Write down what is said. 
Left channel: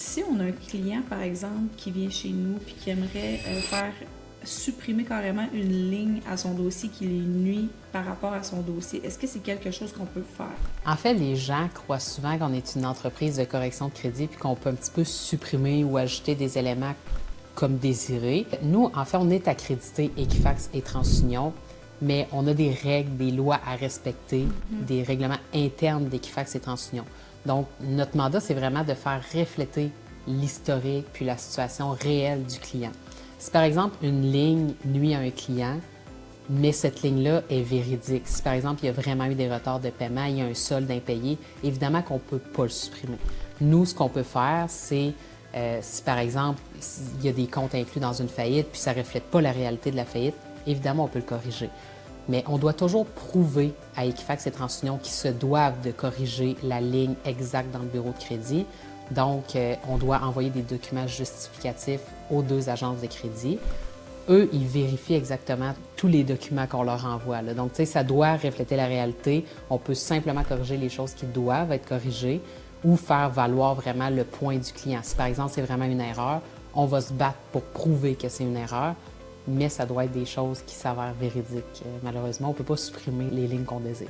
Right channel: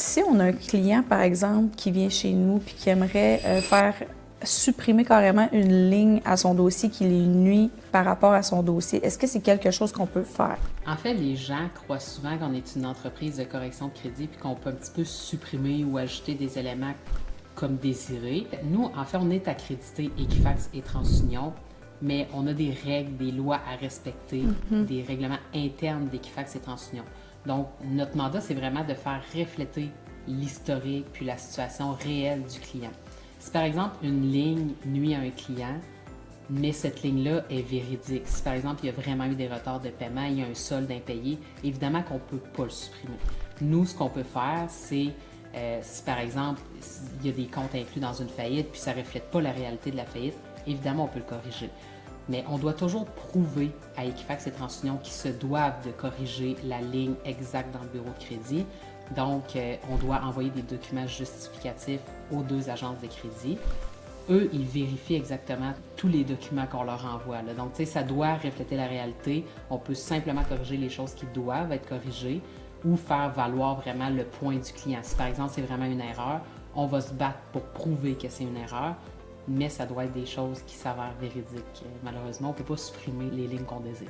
Si on a un client, par exemple, qui vient chez nous puis qui aimerait faire supprimer carrément une ligne à son dossier qui lui nuit par rapport à son dossier, est-ce que c'est quelque chose qu'on peut faire? En fait, les gens croient souvent qu'on est une entreprise de correction de crédit puis qu'on peut un petit peu supprimer ou ajouter des éléments comme désiré. Nous, en fait, on est accrédité Equifax et TransUnion, mais on a des règles, des lois à respecter, des règlements internes d'Equifax et TransUnion. Donc, notre mandat, c'est vraiment de faire refléter l'historique puis la situation réelle du client. Si par exemple une ligne nuit à un client, mais cette ligne-là est véridique, si par exemple il y a vraiment eu des retards de paiement, il y a un solde impayé, évidemment qu'on ne peut pas le supprimer. Nous, ce qu'on peut faire, c'est si par exemple il y a des comptes inclus dans une faillite puis ça ne reflète pas la réalité de la faillite, évidemment on peut le corriger. Mais on doit toujours prouver à Equifax et TransUnion qu'ils se doivent de corriger la ligne exacte dans le bureau de crédit. Donc, on doit envoyer des documents justificatifs aux deux agences de crédit. Eux, ils vérifient exactement tous les documents qu'on leur envoie, là. Donc, tu sais, ça doit refléter la réalité. On peut simplement corriger les choses qui doivent être corrigées ou faire valoir vraiment le point du client. Si, par exemple, c'est vraiment une erreur, on va se battre pour prouver que c'est une erreur, mais ça doit être des choses qui s'avèrent véridiques. Malheureusement, on ne peut pas supprimer les lignes qu'on désire.